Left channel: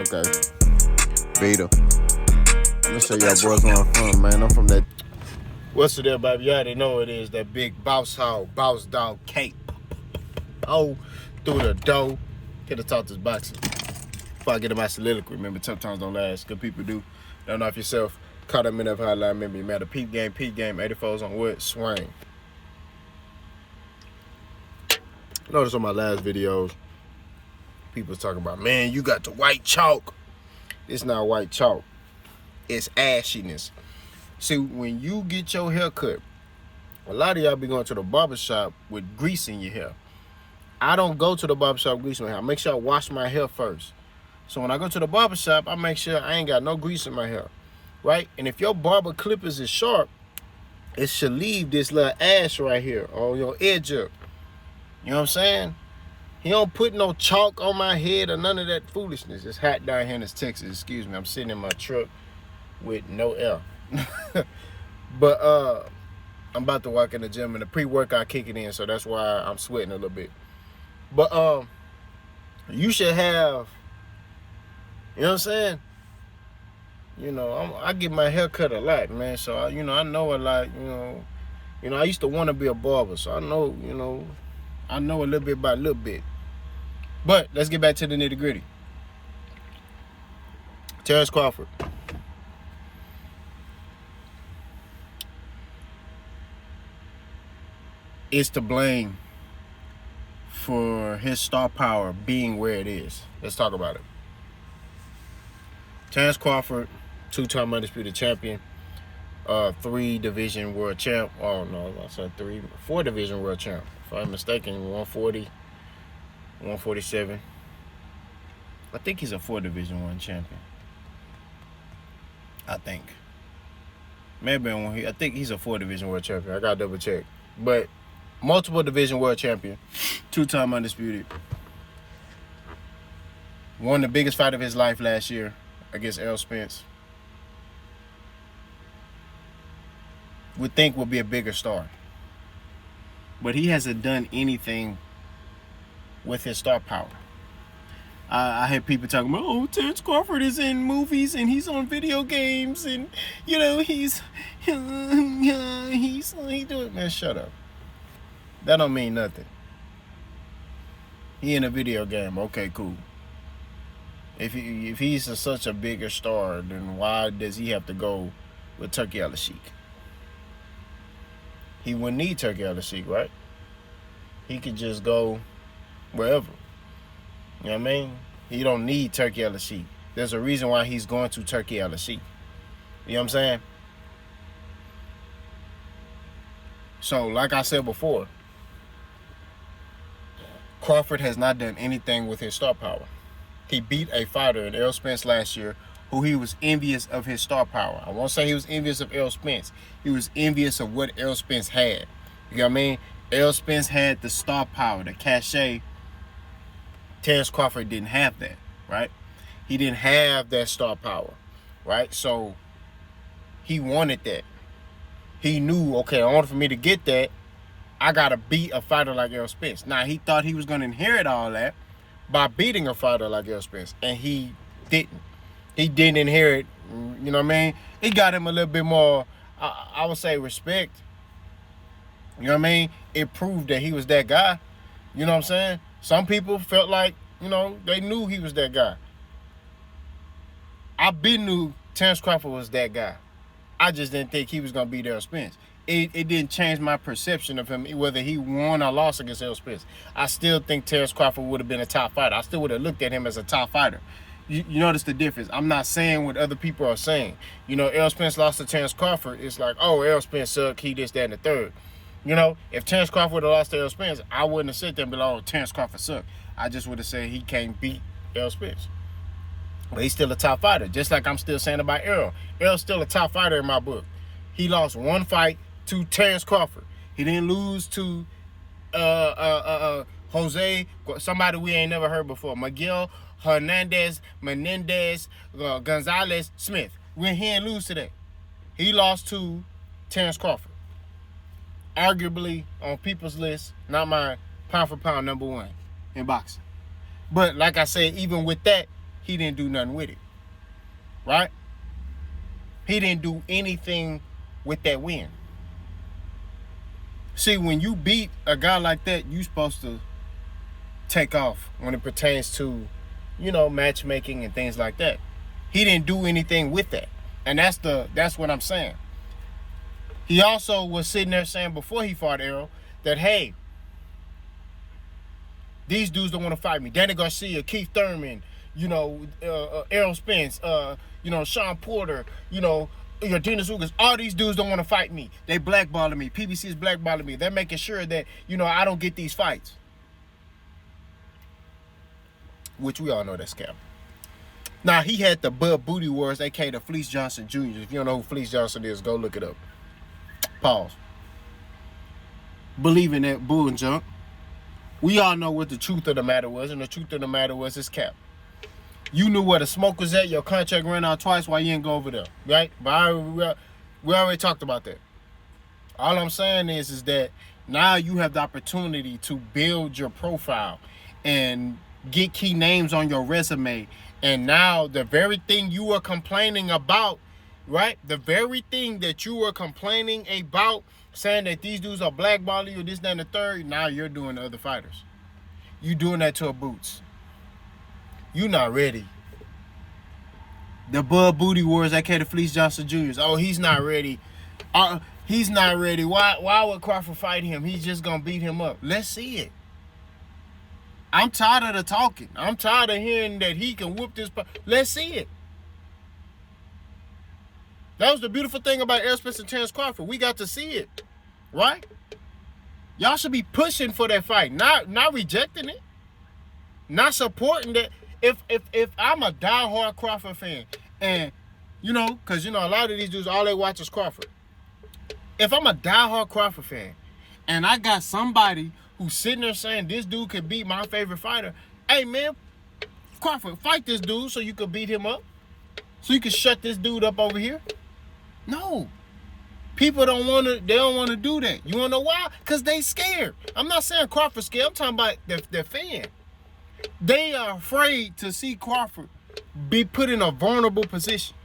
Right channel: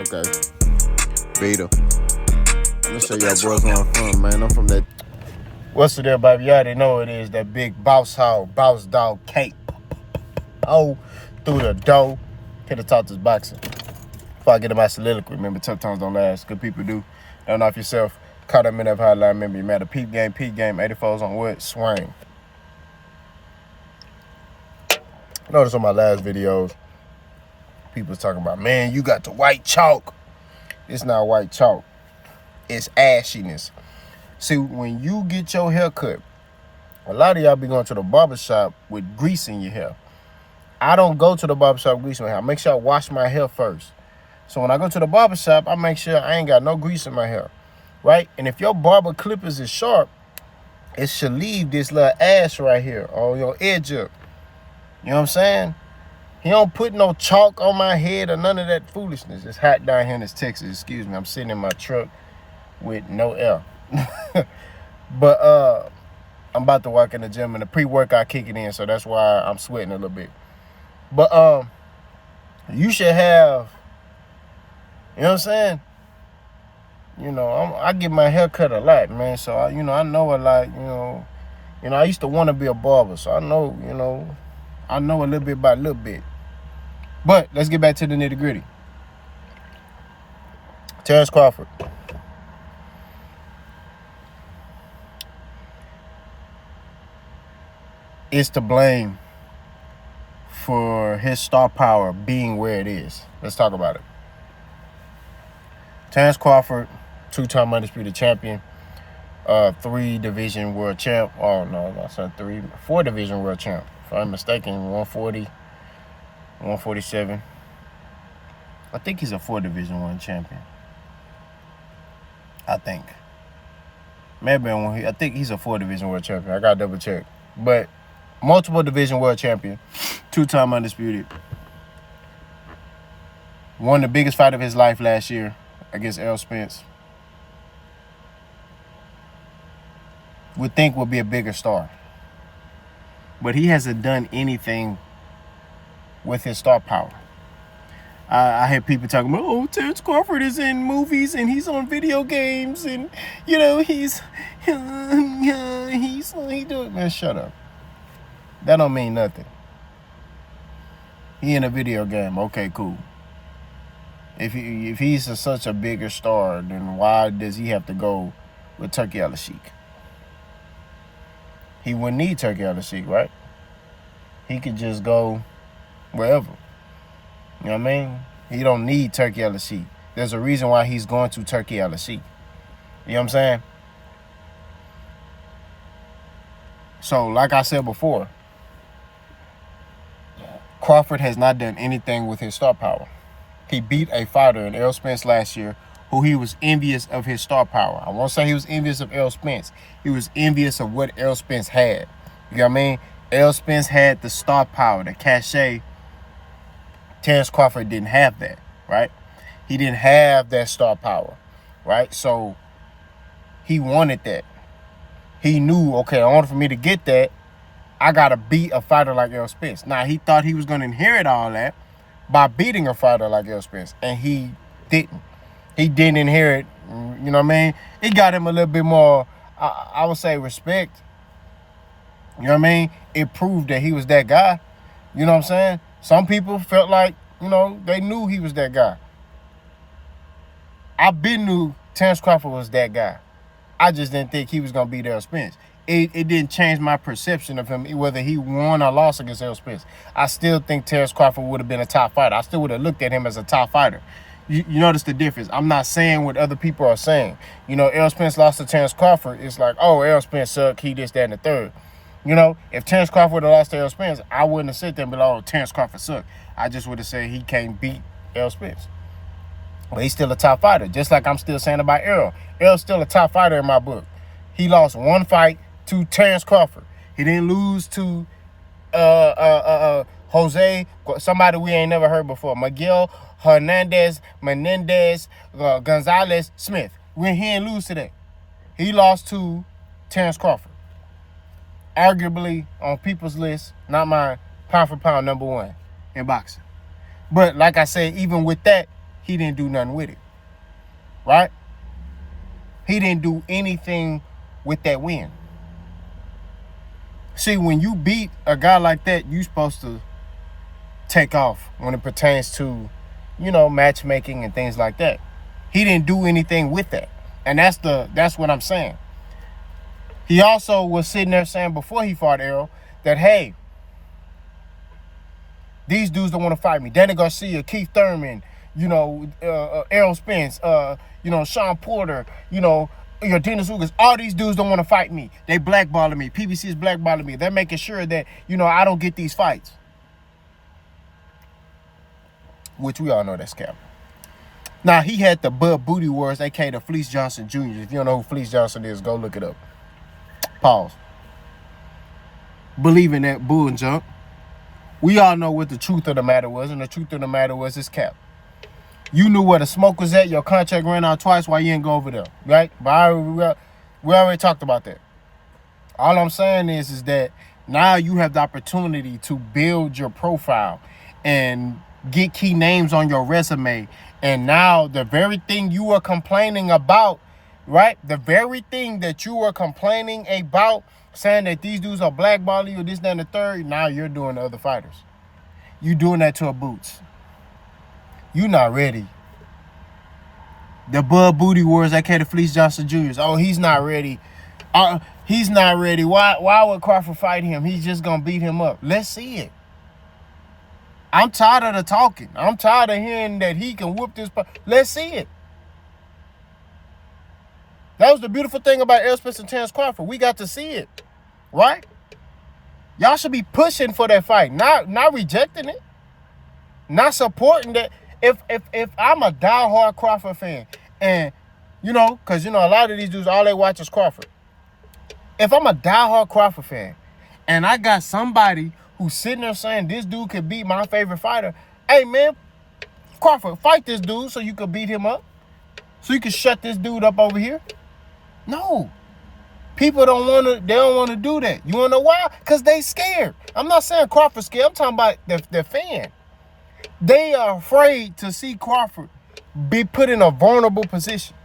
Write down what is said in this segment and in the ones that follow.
Okay. Beta. I'm gonna show y'all boys where I'm from, man. I'm from that. What's it there, baby? You already know it is. That big boss hog, boss dog cape. Oh, through the door. Hit the top this boxing. Before I get to my soliloquy, remember, tough times don't last. Good people do. Don't knock yourself. Caught up in that hotline. Remember, you matter. Peep game, 84s on wood, swing. Notice on my last videos, people was talking about, man, you got the white chalk. It's not white chalk. It's ashiness. See, when you get your hair cut, a lot of y'all be going to the barbershop with grease in your hair. I don't go to the barbershop grease in my hair. I make sure I wash my hair first. So when I go to the barbershop, I make sure I ain't got no grease in my hair, right? And if your barber clippers is sharp, it should leave this little ash right here on your edge up. You know what I'm saying? He don't put no chalk on my head or none of that foolishness. It's hot down here in this Texas. Excuse me. I'm sitting in my truck with no air. But I'm about to walk in the gym and the pre-workout kicking in, so that's why I'm sweating a little bit. But you should have, you know what I'm saying? You know, I get my hair cut a lot, man. So I know a lot. You know, I used to want to be a barber, so I know, I know a little bit about a little bit. But let's get back to the nitty gritty. Terence Crawford. Is to blame for his star power being where it is. Let's talk about it. Terence Crawford, 2-time undisputed champion, 3-division world champ. Oh no, I said 4-division world champ. If I'm mistaken, 140, 147. I think he's a 4-division 1 champion. I think. Maybe I think he's a 4-division world champion. I gotta double check. But multiple division world champion, 2-time undisputed. Won the biggest fight of his life last year against Spence. Would think would be a bigger star. But he hasn't done anything with his star power. I hear people talking about, oh, Terence Crawford is in movies and he's on video games and, he's doing, man, shut up. That don't mean nothing. He in a video game, okay, cool. If he's such a bigger star, then why does he have to go with Turkey Al-Sheikh? He wouldn't need Turkey Al-Sheikh, right? He could just go wherever. You know what I mean? He don't need Turkey Al-Sheikh. There's a reason why he's going to Turkey Al-Sheikh. You know what I'm saying? So, like I said before, Crawford has not done anything with his star power. He beat a fighter in Spence last year who he was envious of his star power. I won't say he was envious of Spence. He was envious of what Spence had. You know what I mean? Spence had the star power, the cachet. Terence Crawford didn't have that, right? He didn't have that star power, right? So he wanted that. He knew, okay, in order for me to get that, I got to beat a fighter like Spence. Now, he thought he was going to inherit all that by beating a fighter like Spence, and he didn't. He didn't inherit, you know what I mean? It got him a little bit more, I would say, respect. You know what I mean? It proved that he was that guy. You know what I'm saying? Some people felt like, they knew he was that guy. I been knew Terence Crawford was that guy. I just didn't think he was going to beat Spence. It didn't change my perception of him, whether he won or lost against Spence. I still think Terence Crawford would have been a top fighter. I still would have looked at him as a top fighter. You notice the difference. I'm not saying what other people are saying. Spence lost to Terence Crawford. It's like, oh, Spence sucked. He this, that, and the third. If Terence Crawford would have lost to Spence, I wouldn't have said that and be like, oh, Terence Crawford sucked. I just would have said he can't beat Spence. But he's still a top fighter, just like I'm still saying about Errol. Errol's still a top fighter in my book. He lost one fight to Terence Crawford. He didn't lose to Jose, somebody we ain't never heard before, Miguel Hernandez, Menendez, Gonzalez, Smith. He ain't lose today. He lost to Terence Crawford. Arguably, on people's list, not mine, pound for pound #1 in boxing. But like I said, even with that, he didn't do nothing with it. Right? He didn't do anything with that win. See, when you beat a guy like that, you're supposed to take off when it pertains to, matchmaking and things like that. He didn't do anything with that. And that's what I'm saying. He also was sitting there saying before he fought Errol that, hey, these dudes don't want to fight me. Danny Garcia, Keith Thurman, Errol Spence, Sean Porter, Dennis Ugas, all these dudes don't want to fight me. They blackballing me. PBC is blackballing me. They're making sure that, I don't get these fights. Which we all know that's cap. Now, he had the Bud Booty Wars, a.k.a. the Fleece Johnson Jr. If you don't know who Fleece Johnson is, go look it up. Pause. Believe in that bull and junk. We all know what the truth of the matter was, and the truth of the matter was it's cap. You knew where the smoke was at. Your contract ran out twice. Why you didn't go over there, right? But we already talked about that. All I'm saying is that now you have the opportunity to build your profile and get key names on your resume. And now the very thing you were complaining about, right? The very thing that you were complaining about, saying that these dudes are blackballing you, this, that, and the third, now you're doing to other fighters. You doing that to a Boots. You not ready. The Bud Booty Wars, aka the Fleece Johnson Jr. Oh, he's not ready. He's not ready. Why would Crawford fight him? He's just gonna beat him up. Let's see it. I'm tired of the talking. I'm tired of hearing that he can whoop this. Let's see it. That was the beautiful thing about Errol Spence and Terence Crawford. We got to see it, right? Y'all should be pushing for that fight, not rejecting it, not supporting that. If I'm a diehard Crawford fan, and because a lot of these dudes, all they watch is Crawford. If I'm a diehard Crawford fan, and I got somebody who's sitting there saying this dude could beat my favorite fighter, hey man, Crawford, fight this dude so you could beat him up, so you can shut this dude up over here. No, people don't want to. They don't want to do that. You want to know why? Because they scared. I'm not saying Crawford's scared. I'm talking about the fan. They are afraid to see Crawford be put in a vulnerable position.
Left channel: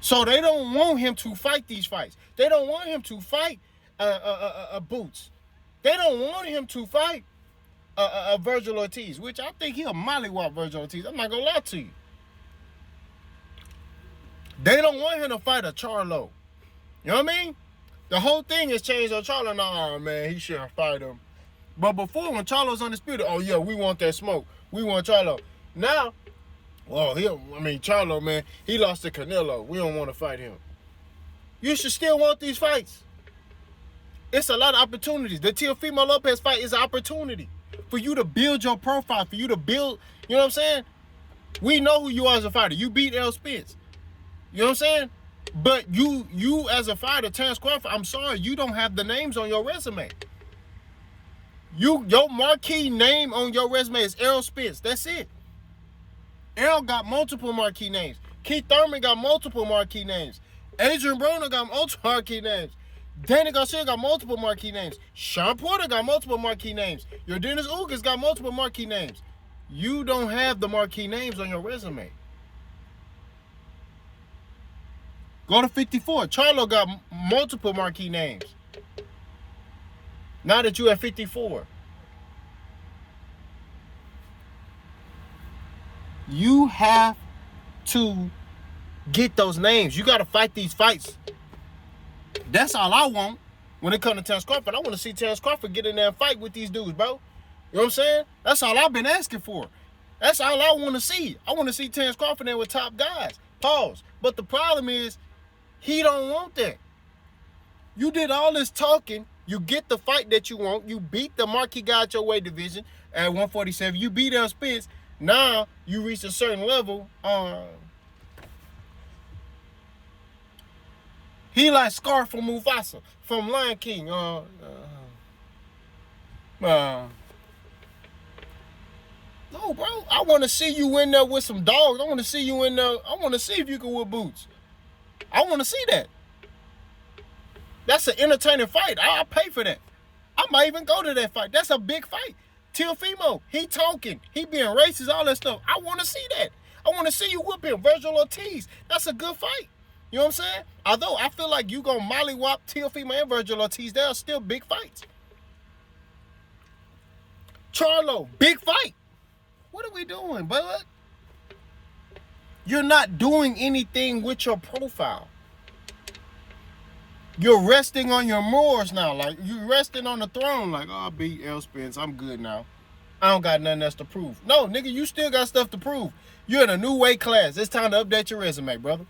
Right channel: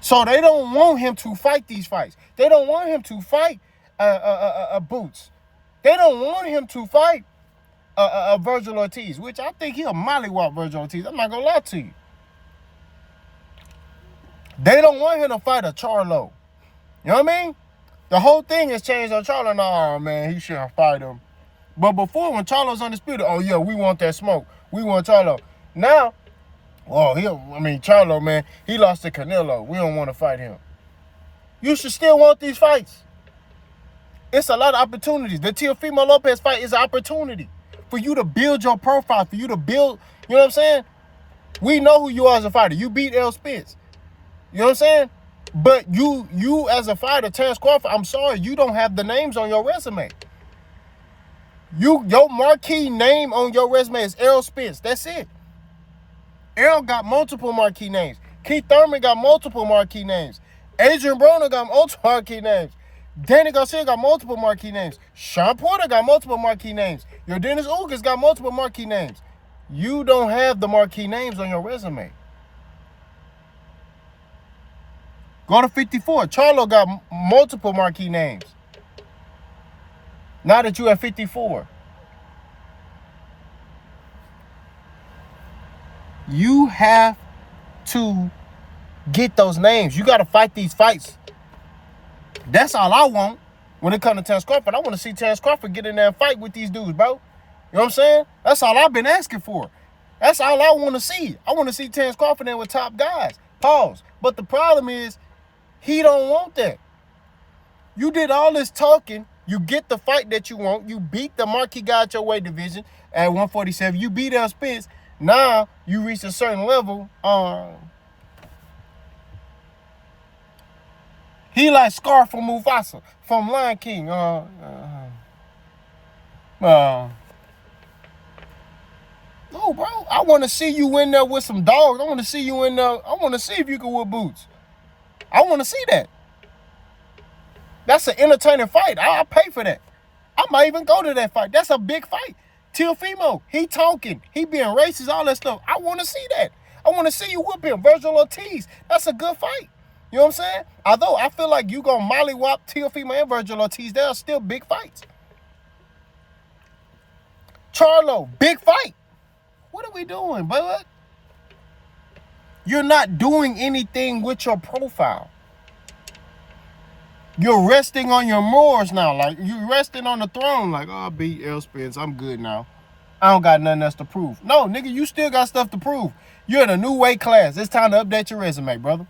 So they don't want him to fight these fights. They don't want him to fight Boots. They don't want him to fight Virgil Ortiz, which I think he'll mollywop Virgil Ortiz. I'm not going to lie to you. They don't want him to fight a Charlo. You know what I mean? The whole thing has changed on Charlo. No, man, he shouldn't fight him. But before, when Charlo's undisputed, oh, yeah, we want that smoke. We want Charlo. Now, Charlo, man, he lost to Canelo. We don't want to fight him. You should still want these fights. It's a lot of opportunities. The Teofimo Lopez fight is an opportunity for you to build your profile, for you to build, you know what I'm saying? We know who you are as a fighter. You beat Errol Spence. You know what I'm saying? But you as a fighter, Terence Crawford, I'm sorry, you don't have the names on your resume. Your marquee name on your resume is Errol Spence. That's it. Errol got multiple marquee names. Keith Thurman got multiple marquee names. Adrian Broner got multiple marquee names. Danny Garcia got multiple marquee names. Sean Porter got multiple marquee names. Your Dennis Ugas got multiple marquee names. You don't have the marquee names on your resume. Go to 54. Charlo got multiple marquee names. Now that you at 54. You have to get those names. You got to fight these fights. That's all I want when it comes to Terence Crawford. I want to see Terence Crawford get in there and fight with these dudes, bro. You know what I'm saying? That's all I've been asking for. That's all I want to see. I want to see Terence Crawford there with top guys. Pause. But the problem is, he don't want that. You did all this talking. You get the fight that you want. You beat the marquee guy at your weight division at 147. You beat Errol Spence. Now you reach a certain level. He like Scar from Mufasa, from Lion King. No, bro. I want to see you in there with some dogs. I want to see you in there. I want to see if you can whip Boots. I want to see that. That's an entertaining fight. I'll pay for that. I might even go to that fight. That's a big fight. Teofimo, he talking. He being racist, all that stuff. I want to see that. I want to see you whoop him. Virgil Ortiz. That's a good fight. You know what I'm saying? Although I feel like you going to mollywop Teofimo and Virgil Ortiz, they are still big fights. Charlo, big fight. What are we doing, bud? You're not doing anything with your profile. You're resting on your morals now. Like, you're resting on the throne. Like, oh, I beat L. Spence. I'm good now. I don't got nothing else to prove. No, nigga, you still got stuff to prove. You're in a new weight class. It's time to update your resume, brother.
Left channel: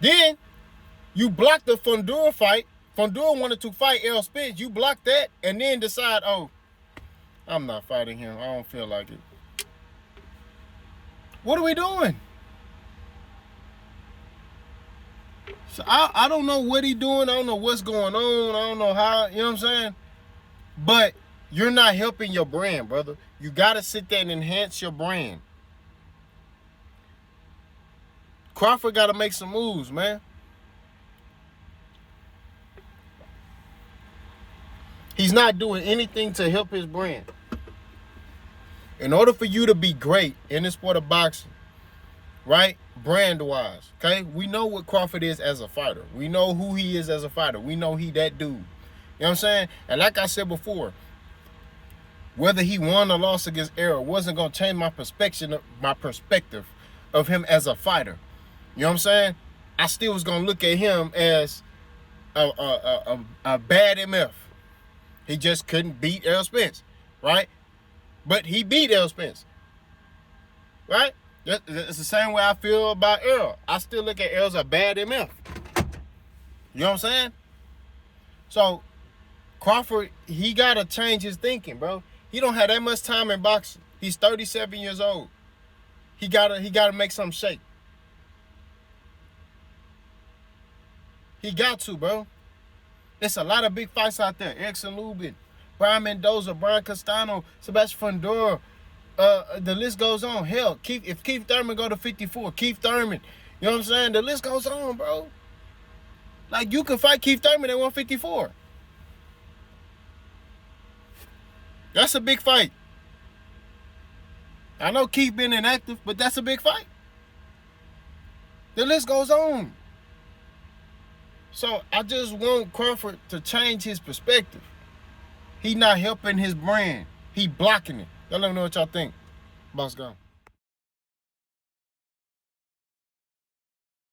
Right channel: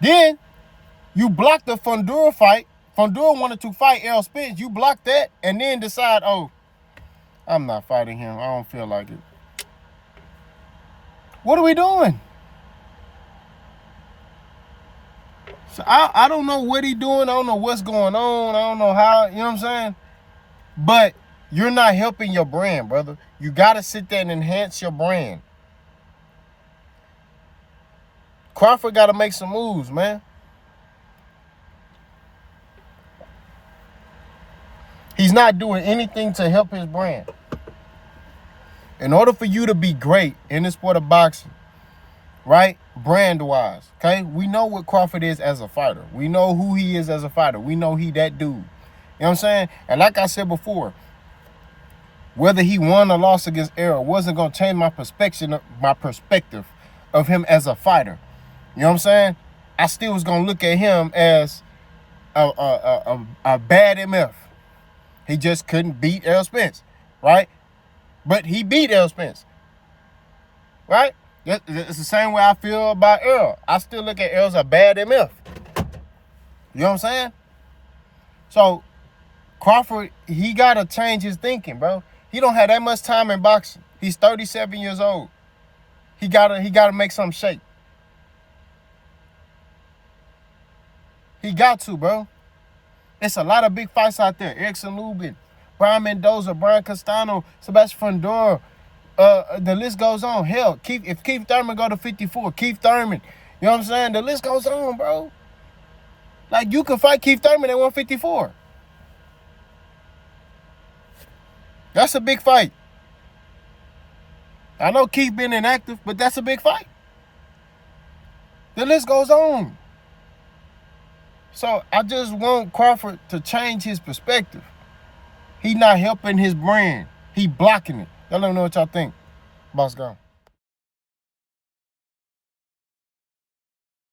Then, you blocked the Fundura fight. Fundura wanted to fight L. Spence. You blocked that and then decide, oh, I'm not fighting him. I don't feel like it. What are we doing? So I don't know what he doing. I don't know what's going on. I don't know how, you know what I'm saying? But you're not helping your brand, brother. You got to sit there and enhance your brand. Crawford got to make some moves, man. He's not doing anything to help his brand. In order for you to be great in the sport of boxing, right, brand-wise, okay, we know what Crawford is as a fighter. We know who he is as a fighter. We know he that dude. You know what I'm saying? And like I said before, whether he won or lost against Errol wasn't going to change my perspective of him as a fighter. You know what I'm saying? I still was going to look at him as a bad MF. He just couldn't beat Errol Spence, right? But he beat Errol Spence, right? It's the same way I feel about Errol. I still look at Errol as a bad MF. You know what I'm saying? So, Crawford, he got to change his thinking, bro. He don't have that much time in boxing. He's 37 years old. He gotta make something shake. He got to, bro. It's a lot of big fights out there. Erickson Lubin, Brian Mendoza, Brian Castano, Sebastian Fundora. The list goes on. Hell, if Keith Thurman go to 54, Keith Thurman, you know what I'm saying? The list goes on, bro. Like, you can fight Keith Thurman at 154. That's a big fight. I know Keith been inactive, but that's a big fight. The list goes on. So I just want Crawford to change his perspective. He not helping his brand. He blocking it. Y'all let me know what y'all think. Boss gone.